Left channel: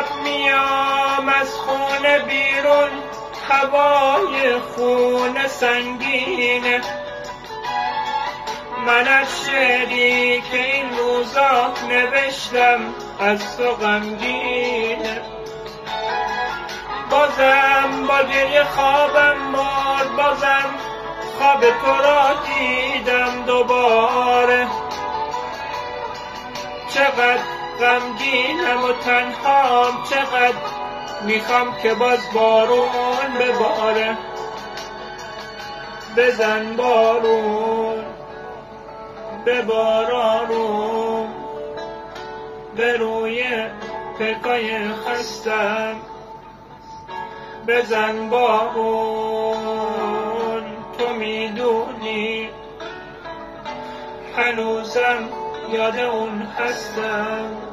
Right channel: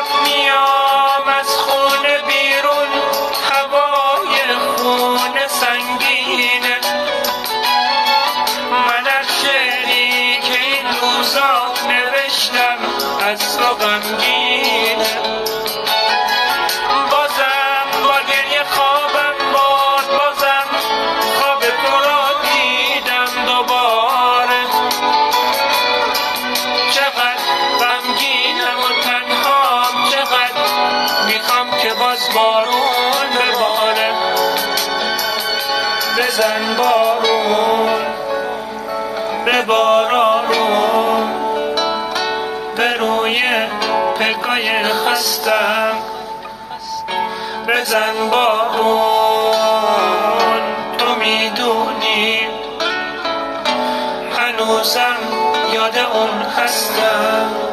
شب میام از خونه بیرون، هوای خونه سنگینه. من از شعری که این روزا نوشتم از تو غمگینه. بازم با گریه خوابم باد، بازم خواب تو را دیدم دوباره. چقدر غمگینم و تنهام، چقدر میخوام که باز بارون بباره. بزن بارون، ببار آروم به روی پگاه خستم. بزن بارون، تو میدونی هنوزم یاد اون هستم.